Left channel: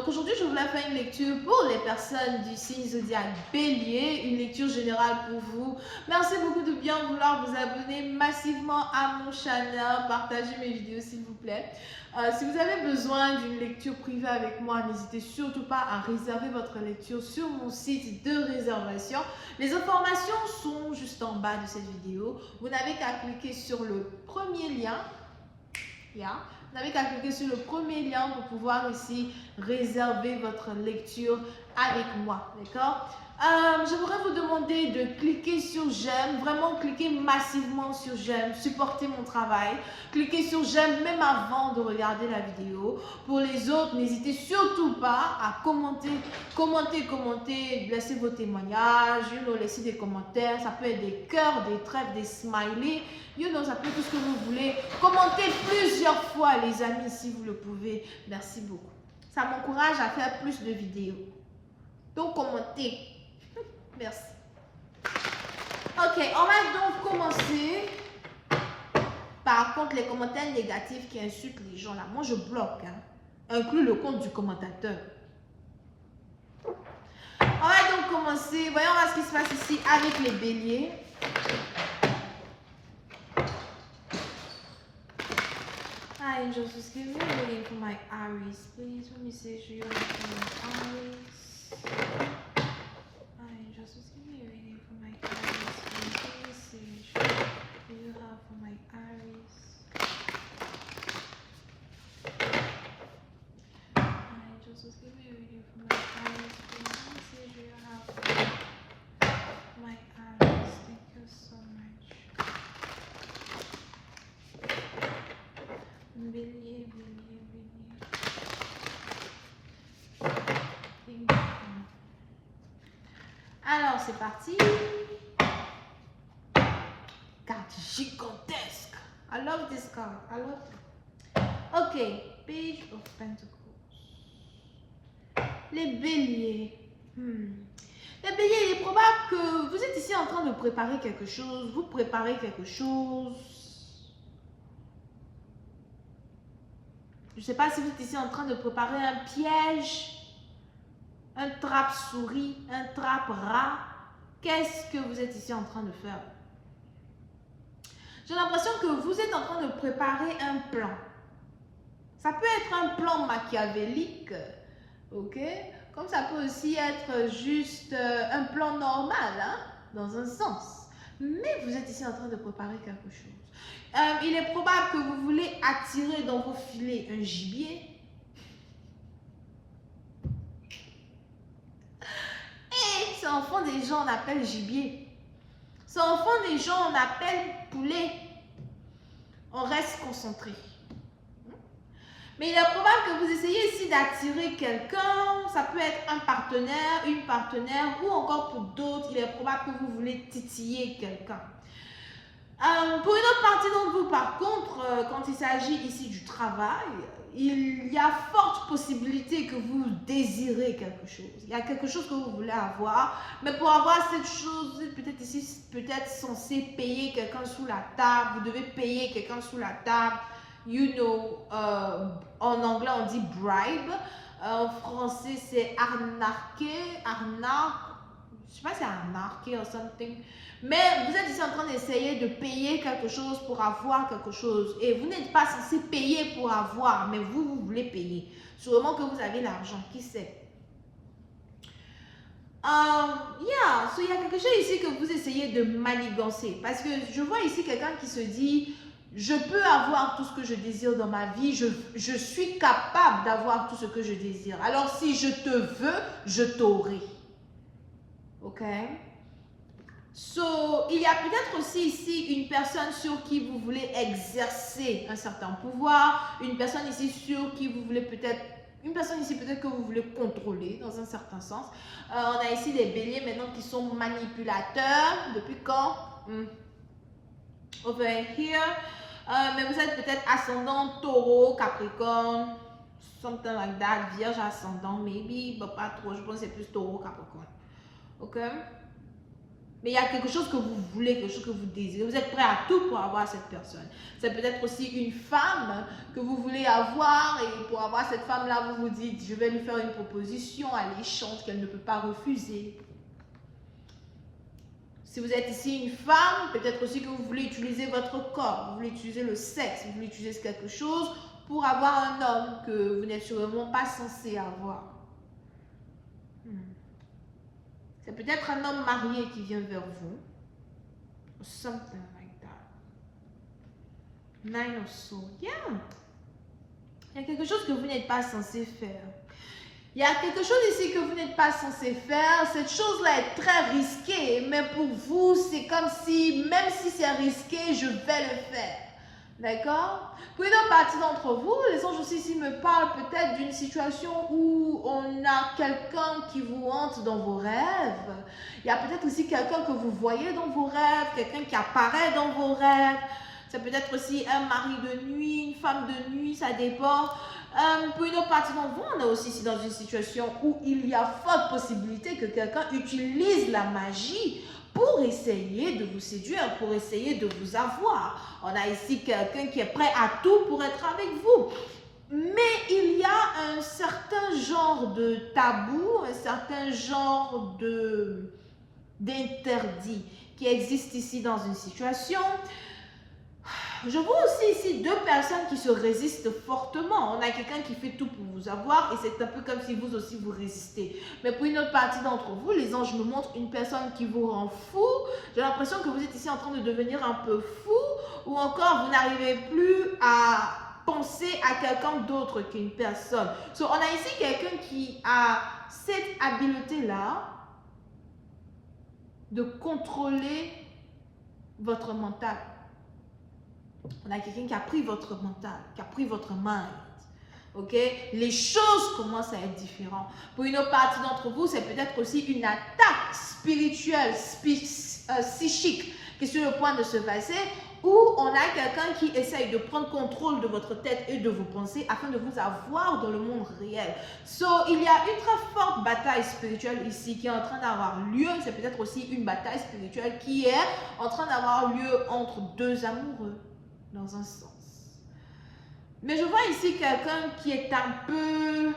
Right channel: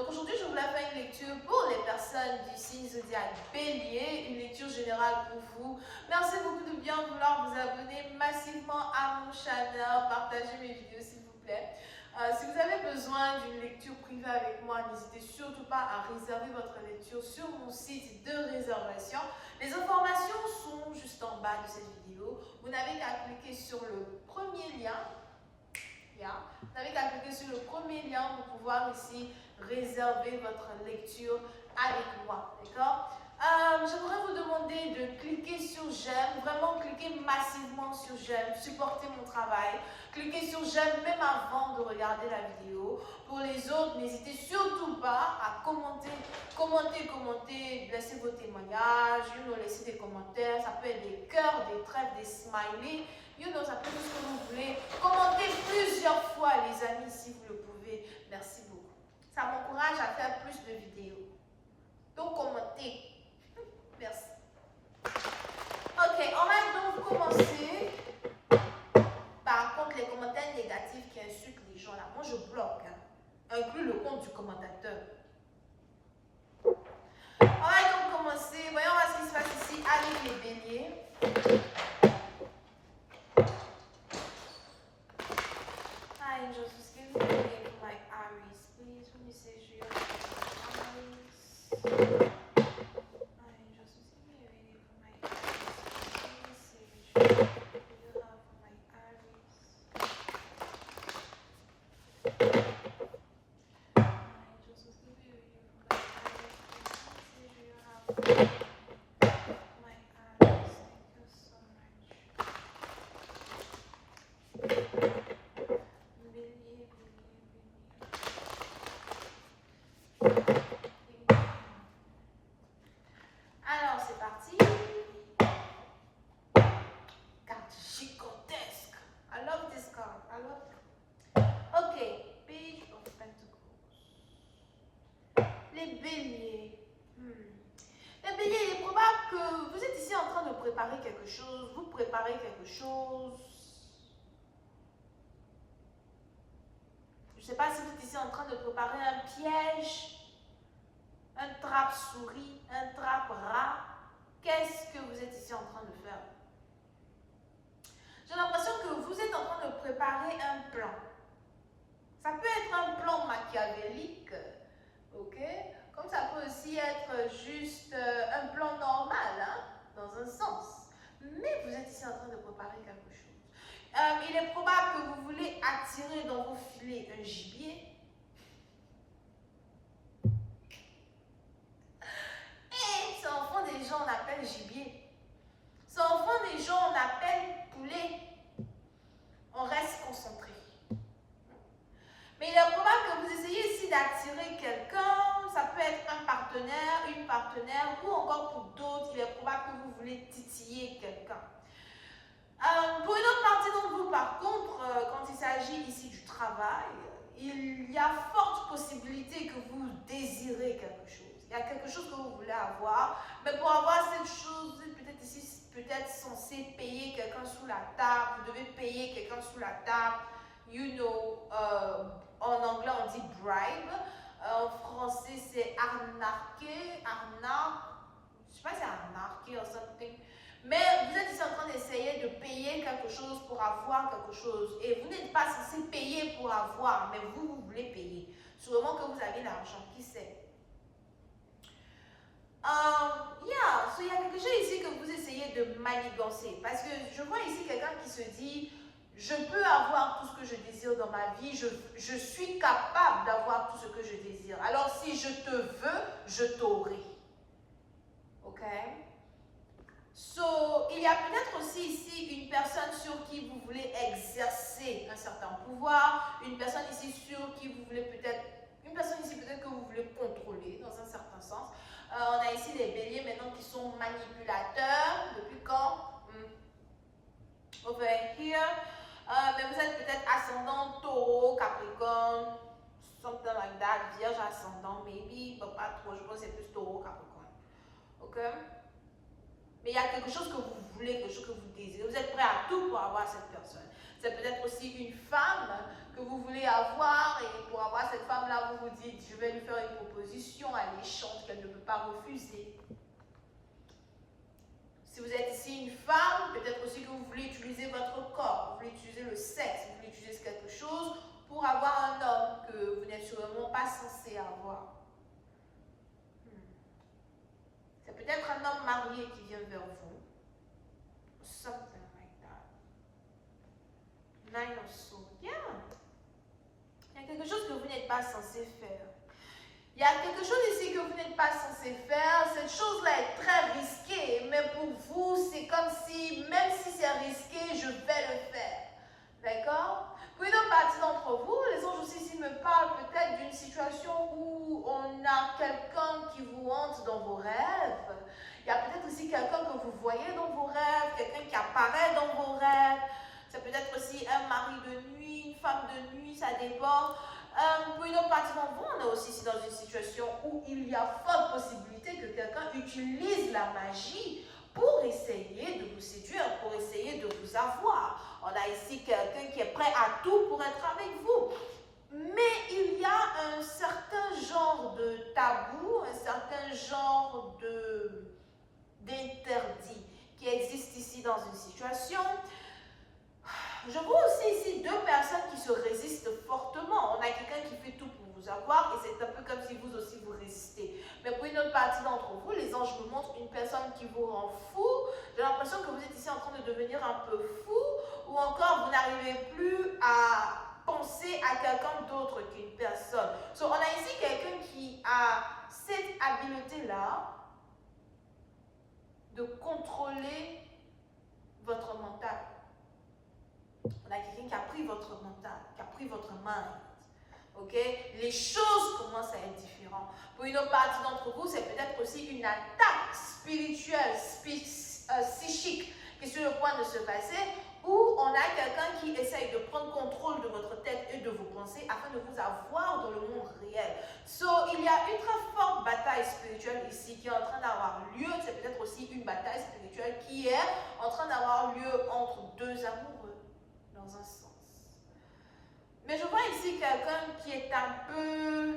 Donc aujourd'hui, je voulais faire une lecture pour les personnes du signe zodiaque Bélier, une lecture générale pour vous. Merci beaucoup de bien vouloir vous abonner massivement à mon channel, partagez mes vidéos s'il vous plaît. Si vous avez besoin d'une lecture privée avec moi, n'hésitez surtout pas à réserver votre lecture sur mon site de réservation. Les informations sont juste en bas de cette vidéo. Vous n'avez qu'à cliquer sur le premier lien. Vous n'avez qu'à cliquer sur le premier lien pour pouvoir ici réserver votre lecture avec moi. D'accord? J'aimerais vous demander de cliquer sur j'aime, vraiment cliquer massivement sur j'aime, supporter mon travail. Cliquez sur j'aime même avant de regarder la vidéo. Pour les autres, n'hésitez surtout pas à commenter, laissez vos témoignages, laissez des commentaires. Ça peut être des cœurs, des trèfles, des smileys. Ça peut être tout ce que vous voulez. Commentez plusieurs fois, les amis, si vous le pouvez. Merci beaucoup. Ça m'encourage à faire plus de vidéos. Donc, commentez. Merci. Ok, on va donc commencer. Par contre, les commentaires négatifs qui insultent les gens, là, moi, je bloque. Inclus le compte du commentateur. On va donc commencer. Voyons voir ce qui se passe ici avec les béliers. Hi, angels, just give me a reading for my Aries. Please, let me say you for my Aries. Hi, angels, just give me a reading for my Aries. Please, let me say you have for my Aries. Hi, angels, just give me a reading for my Aries. Please, let me say you have for my Aries. Thank you so much. Bélier. Alors, c'est parti. Carte gigantesque. I love this card. I love it. Ok, Page of Pentacles. Les béliers. Les béliers, il est probable que vous êtes ici en train de préparer quelque chose. Vous préparez quelque chose. Je ne sais pas si vous êtes ici en train de préparer un piège, un trappe-souris, un trappe-rat. Qu'est-ce que vous êtes ici en train de faire? J'ai l'impression que vous êtes en train de préparer un plan. Ça peut être un plan machiavélique, ok? Comme ça peut aussi être juste un plan normal, dans un sens. Mais vous êtes ici en train de préparer quelque chose. Il est probable que vous voulez attirer dans vos filets un gibier. Et c'est en fond des gens on appelle gibier. C'est en fond des gens on appelle poulet. On reste concentré. Mais il est probable que vous essayez ici d'attirer quelqu'un. Ça peut être un partenaire, une partenaire ou encore pour d'autres, il est probable que vous voulez titiller quelqu'un. Pour une autre partie d'entre vous, par contre, quand il s'agit ici du travail, il y a forte possibilité que vous désirez quelque chose. Il y a quelque chose que vous voulez avoir, mais pour avoir cette chose, vous êtes peut-être ici, peut-être censé payer quelqu'un sous la table. Vous devez payer quelqu'un sous la table. En anglais, on dit bribe. En français, c'est arnaquer, arnaque. Je sais pas si c'est arnaquer ou something. Mais vous êtes ici en train d'essayer de payer quelque chose pour avoir quelque chose. Et vous n'êtes pas censé payer pour avoir, mais vous voulez payer. Sûrement que vous avez l'argent, qui sait. Il y a quelque chose ici que vous essayez de manigancer. Parce que je vois ici quelqu'un qui se dit, je peux avoir tout ce que je désire dans ma vie. Je suis capable d'avoir tout ce que je désire. Alors si je te veux, je t'aurai. Ok? Il y a peut-être aussi ici une personne sur qui vous voulez exercer un certain pouvoir, une personne ici sur qui vous voulez peut-être, une personne ici peut-être que vous voulez contrôler dans un certain sens. On a ici des béliers maintenant qui sont manipulateurs. Depuis quand? Over here. Mais vous êtes peut-être ascendant taureau, capricorne, something like that, vierge ascendant, maybe, mais pas trop, je pense que c'est plus taureau, capricorne. Ok? Mais il y a quelque chose que vous voulez, quelque chose que vous désirez. Vous êtes prêt à tout pour avoir cette personne. C'est peut-être aussi une femme que vous voulez avoir et pour avoir cette femme-là, vous vous dites, je vais lui faire une proposition alléchante qu'elle ne peut pas refuser. Si vous êtes ici une femme, peut-être aussi que vous voulez utiliser votre corps, vous voulez utiliser le sexe, vous voulez utiliser quelque chose pour avoir un homme que vous n'êtes sûrement pas censé avoir. C'est peut-être un homme marié qui vient vers vous. Or something like that. Nine of Swords. Yeah. Il y a quelque chose que vous n'êtes pas censé faire. Il y a quelque chose ici que vous n'êtes pas censé faire. Cette chose-là est très risquée, mais pour vous, c'est comme si, même si c'est risqué, je vais le faire. D'accord? Pour une partie d'entre vous, les anges aussi ici me parlent peut-être d'une situation où on a quelqu'un qui vous hante dans vos rêves. Il y a peut-être aussi quelqu'un que vous voyez dans vos rêves, quelqu'un qui apparaît dans vos rêves. C'est peut-être aussi un mari de nuit, une femme de nuit, ça dépend. Pour une autre partie d'entre vous, on est aussi ici dans une situation où il y a forte possibilité que quelqu'un utilise la magie pour essayer de vous séduire, pour essayer de vous avoir. On a ici quelqu'un qui est prêt à tout pour être avec vous. Mais il y a un certain genre de tabou, un certain genre d'interdit qui existe ici dans une situation. Je vois aussi ici deux personnes qui se résistent fortement. On a quelqu'un qui fait tout pour vous avoir et c'est un peu comme si vous aussi vous résistez. Mais pour une autre partie d'entre vous, les anges me montrent une personne qui vous rend fou. J'ai l'impression que vous êtes ici en train de devenir un peu fou ou encore vous n'arrivez plus à penser à quelqu'un d'autre qu'une personne. So, on a ici quelqu'un qui a cette habileté-là de contrôler votre mental. On a quelqu'un qui a pris votre mental, qui a pris votre mind. Ok? Les choses commencent à être différentes. Pour une autre partie d'entre vous, c'est peut-être aussi une attaque spirituelle, psychique qui est sur le point de se passer, où on a quelqu'un qui essaye de prendre contrôle de votre tête et de vos pensées afin de vous avoir dans le monde réel. So, il y a une très forte bataille spirituelle ici qui est en train d'avoir lieu. C'est peut-être aussi une bataille spirituelle qui est en train d'avoir lieu entre deux amoureux. Dans un sens. Mais je vois ici quelqu'un qui est un peu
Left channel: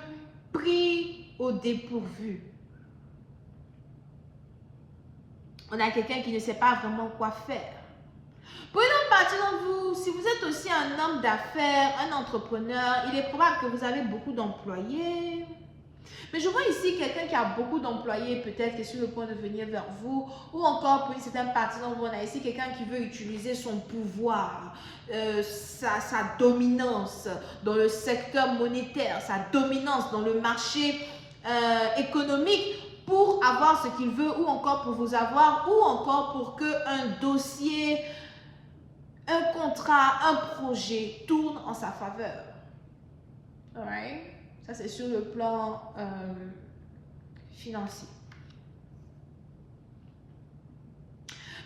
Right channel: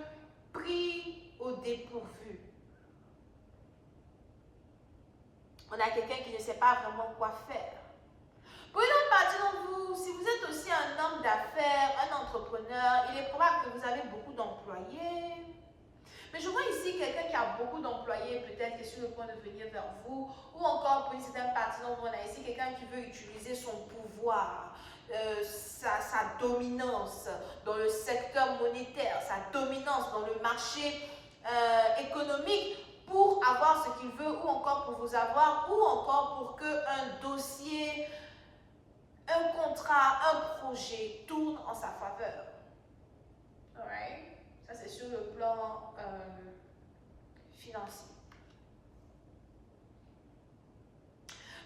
pris au dépourvu. On a quelqu'un qui ne sait pas vraiment quoi faire. Pour une autre partie d'entre vous, si vous êtes aussi un homme d'affaires, un entrepreneur, il est probable que vous avez beaucoup d'employés. Mais je vois ici quelqu'un qui a beaucoup d'employés, peut-être qui est sur le point de venir vers vous, ou encore pour une certaine partie d'entre vous, on a ici quelqu'un qui veut utiliser son pouvoir, sa dominance dans le secteur monétaire, sa dominance dans le marché économique pour avoir ce qu'il veut, ou encore pour vous avoir, ou encore pour qu'un dossier, un contrat, un projet tourne en sa faveur. Alright? Ça, c'est sur le plan financier.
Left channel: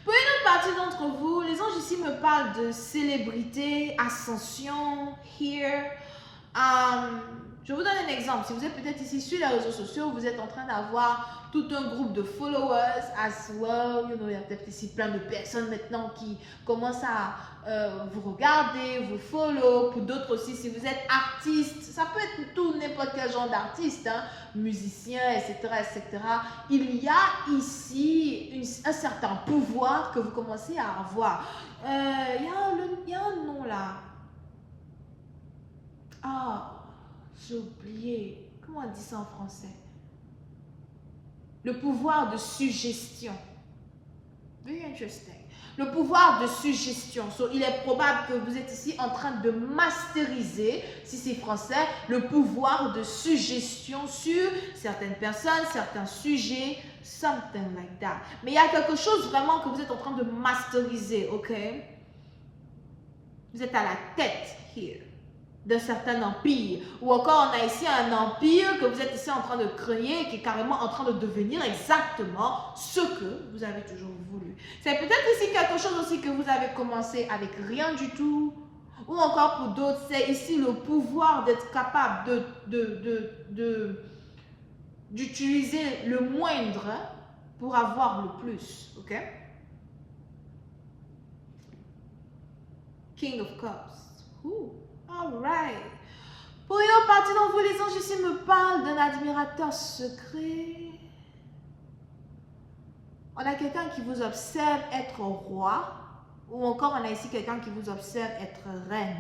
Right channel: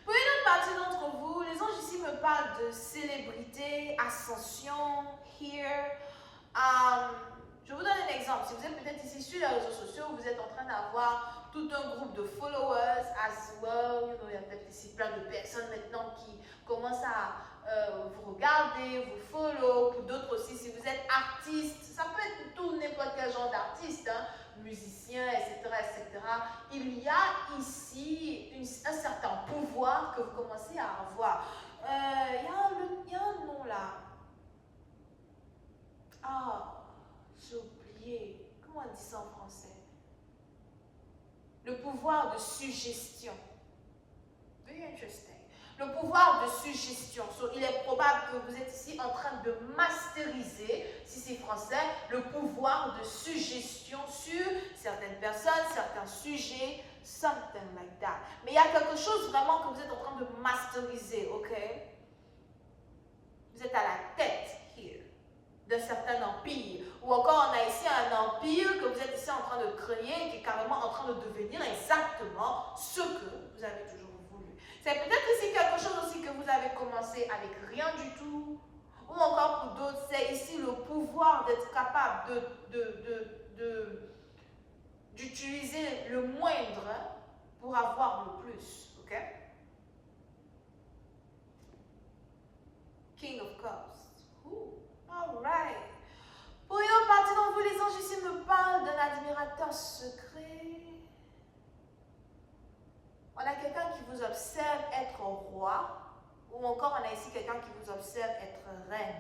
Pour une autre partie d'entre vous, les anges ici me parlent de célébrité, ascension, here. Je vous donne un exemple. Si vous êtes peut-être ici sur les réseaux sociaux, vous êtes en train d'avoir tout un groupe de followers as well. Il y a peut-être ici plein de personnes maintenant qui commencent à vous regarder, vous follow. Pour d'autres aussi, si vous êtes artiste, ça peut être tout, n'importe quel genre d'artiste, hein, musicien, etc., etc. Il y a ici un certain pouvoir que vous commencez à avoir. Il y a un nom là. Ah. J'ai oublié. Comment on dit ça en français? Le pouvoir de suggestion. Very interesting. Le pouvoir de suggestion. So, il est probable que vous êtes ici en train de masteriser, si c'est français, le pouvoir de suggestion sur certaines personnes, certains sujets, something like that. Mais il y a quelque chose vraiment que vous êtes en train de masteriser, ok? Vous êtes à la tête, here, d'un certain empire. Ou encore, on a ici un empire que vous êtes ici en train de créer, qui est carrément en train de devenir exactement ce que vous avez toujours voulu. C'est peut-être ici quelque chose aussi que vous avez commencé avec rien du tout. Ou encore pour d'autres, c'est ici le pouvoir d'être capable d'utiliser le moindre pour avoir le plus, ok? King of Cups. Ooh, all right. Pour une autre partie d'entre vous, les anges ici me parlent d'un admirateur secret. On a quelqu'un qui vous observe être roi, ou encore on a ici quelqu'un qui vous observe être reine.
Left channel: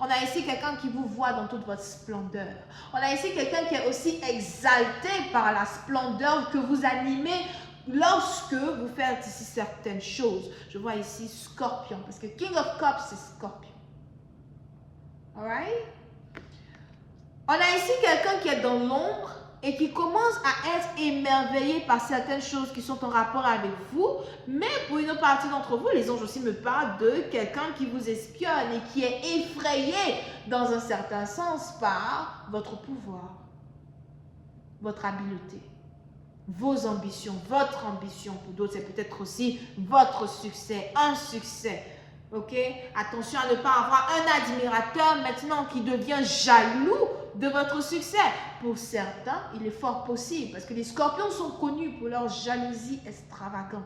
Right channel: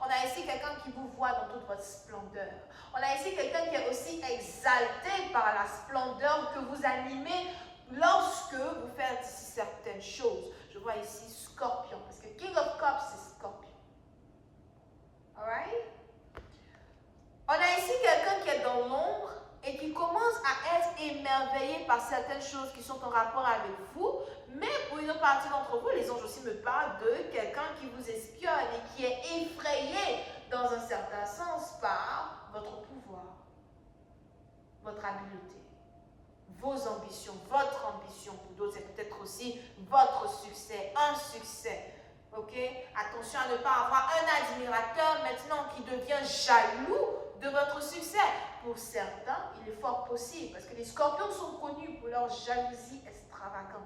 On a ici quelqu'un qui vous voit dans toute votre splendeur. On a ici quelqu'un qui est aussi exalté par la splendeur que vous animez lorsque vous faites ici certaines choses. Je vois ici Scorpion, parce que King of Cups, c'est Scorpion. Alright? On a ici quelqu'un qui est dans l'ombre et qui commence à être émerveillé par certaines choses qui sont en rapport avec vous. Mais pour une autre partie d'entre vous, les anges aussi me parlent de quelqu'un qui vous espionne et qui est effrayé dans un certain sens par votre pouvoir, votre habileté, vos ambitions, votre ambition. Pour d'autres, c'est peut-être aussi votre succès, un succès. Ok? Attention à ne pas avoir un admirateur maintenant qui devient jaloux de votre succès. Pour certains, il est fort possible parce que les scorpions sont connus pour leur jalousie extravagante.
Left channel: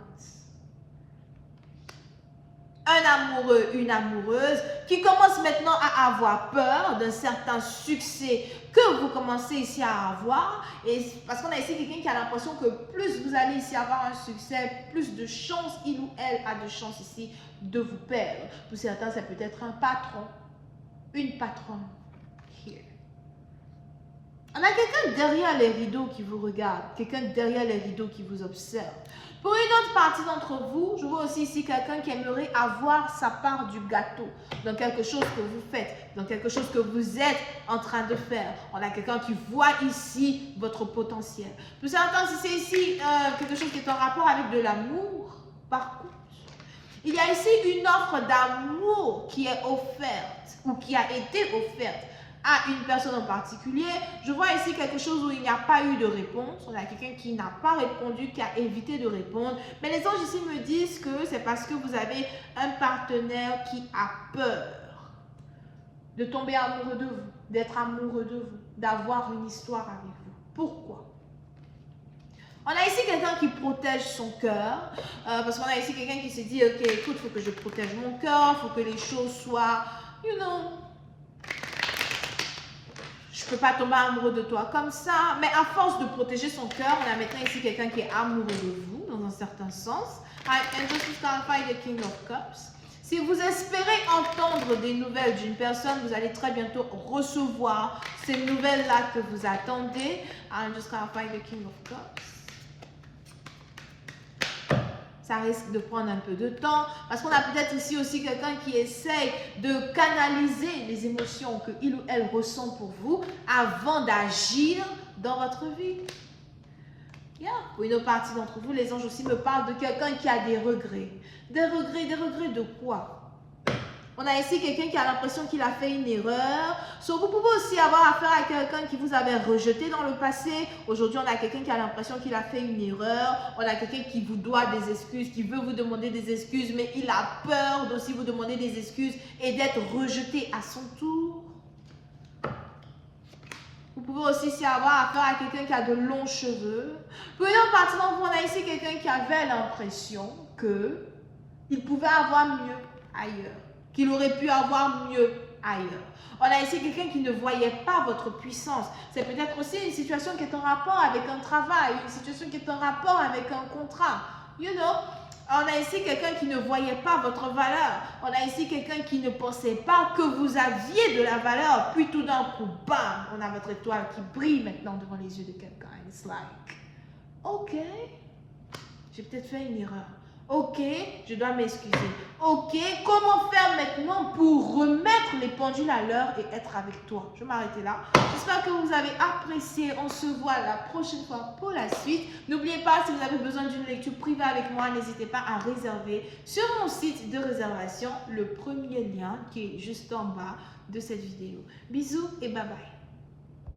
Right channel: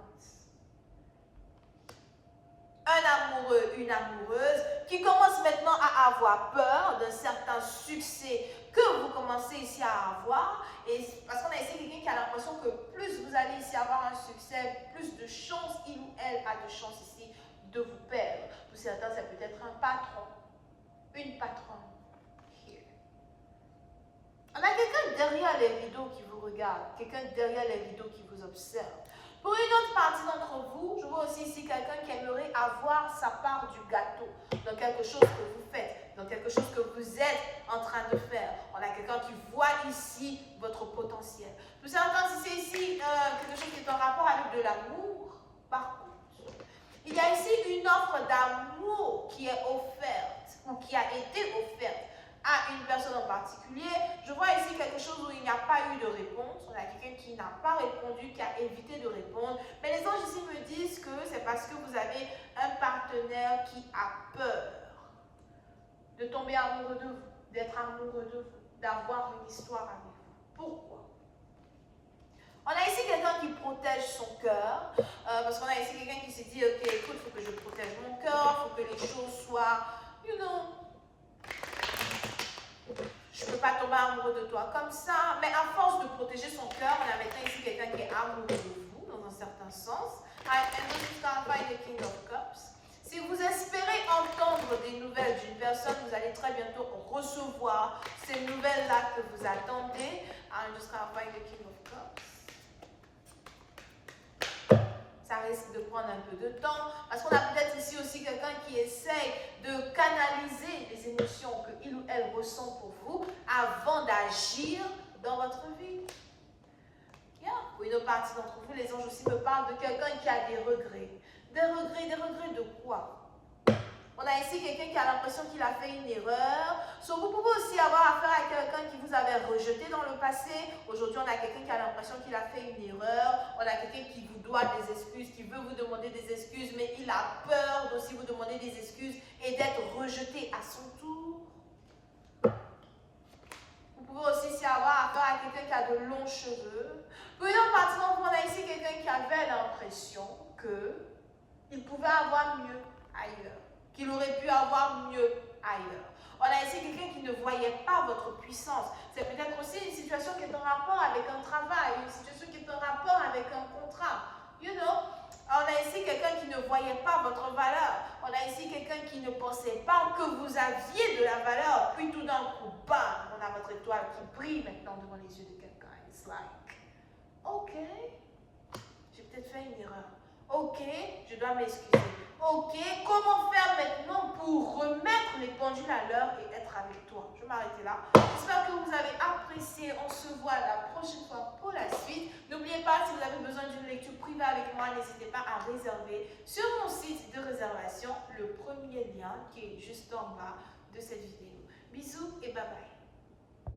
Un amoureux, une amoureuse qui commence maintenant à avoir peur d'un certain succès que vous commencez ici à avoir. Et parce qu'on a ici quelqu'un qui a l'impression que plus vous allez ici avoir un succès, plus de chances il ou elle a de chances ici de vous perdre. Pour certains, c'est peut-être un patron, une patronne. Here. On a quelqu'un derrière les rideaux qui vous regarde, quelqu'un derrière les rideaux qui vous observe. Pour une autre partie d'entre vous, je vois aussi ici quelqu'un qui aimerait avoir sa part du gâteau dans quelque chose que vous faites, dans quelque chose que vous êtes en train de faire. On a quelqu'un qui voit ici votre potentiel. Pour certains, si c'est ici quelque chose qui est en rapport avec de l'amour, par contre, il y a ici une offre d'amour qui est offerte ou qui a été offerte à une personne en particulier. Je vois ici quelque chose où il n'y a pas eu de réponse. On a quelqu'un qui n'a pas répondu, qui a évité de répondre. Mais les anges ici me disent que c'est parce que vous avez un partenaire qui a peur de tomber amoureux de vous, d'être amoureux de vous, d'avoir une histoire avec vous. Pourquoi? On a ici quelqu'un qui protège son cœur, parce qu'on a ici quelqu'un qui s'est dit, ok, écoute, il faut que je protège mon cœur, il faut que les choses soient, you know, je ne peux pas tomber amoureux de toi comme ça. Mais à force de protéger son cœur, on a maintenant ici quelqu'un qui est amoureux de vous, dans un certain sens. And this is clarified the King of Cups. Si vous espérez entendre des nouvelles d'une personne, vous allez très bientôt recevoir ces nouvelles-là que vous attendez. And just clarify the King of Cups. Ça risque de prendre un peu de temps, parce qu'on a peut-être ici aussi quelqu'un qui essaye de canaliser les émotions qu'il ou elle ressent pour vous avant d'agir dans votre vie. Yeah. Pour une autre partie d'entre vous, les anges aussi me parlent de quelqu'un qui a des regrets. Des regrets de quoi? On a ici quelqu'un qui a l'impression qu'il a fait une erreur. So, vous pouvez aussi avoir affaire à quelqu'un qui vous avait rejeté dans le passé. Aujourd'hui, on a quelqu'un qui a l'impression qu'il a fait une erreur. On a quelqu'un qui vous doit des excuses, qui veut vous demander des excuses, mais il a peur d'aussi vous demander des excuses et d'être rejeté à son tour. Vous pouvez aussi avoir affaire à quelqu'un qui a de longs cheveux. Pour une autre partie d'entre vous, on a ici quelqu'un qui avait l'impression qu'il pouvait avoir mieux ailleurs, qu'il aurait pu avoir mieux ailleurs. On a ici quelqu'un qui ne voyait pas votre puissance. C'est peut-être aussi une situation qui est en rapport avec un travail, une situation qui est en rapport avec un contrat. You know, on a ici quelqu'un qui ne voyait pas votre valeur. On a ici quelqu'un qui ne pensait pas que vous aviez de la valeur. Puis tout d'un coup, bam, on a votre étoile qui brille maintenant devant les yeux de quelqu'un. It's like, ok, j'ai peut-être fait une erreur. Ok, je dois m'excuser. Ok, comment faire maintenant pour remettre les pendules à l'heure et être avec toi? Je vais m'arrêter là. J'espère que vous avez apprécié. On se voit la prochaine fois pour la suite. N'oubliez pas, si vous avez besoin d'une lecture privée avec moi, n'hésitez pas à réserver sur mon site de réservation le premier lien qui est juste en bas de cette vidéo. Bisous et bye bye.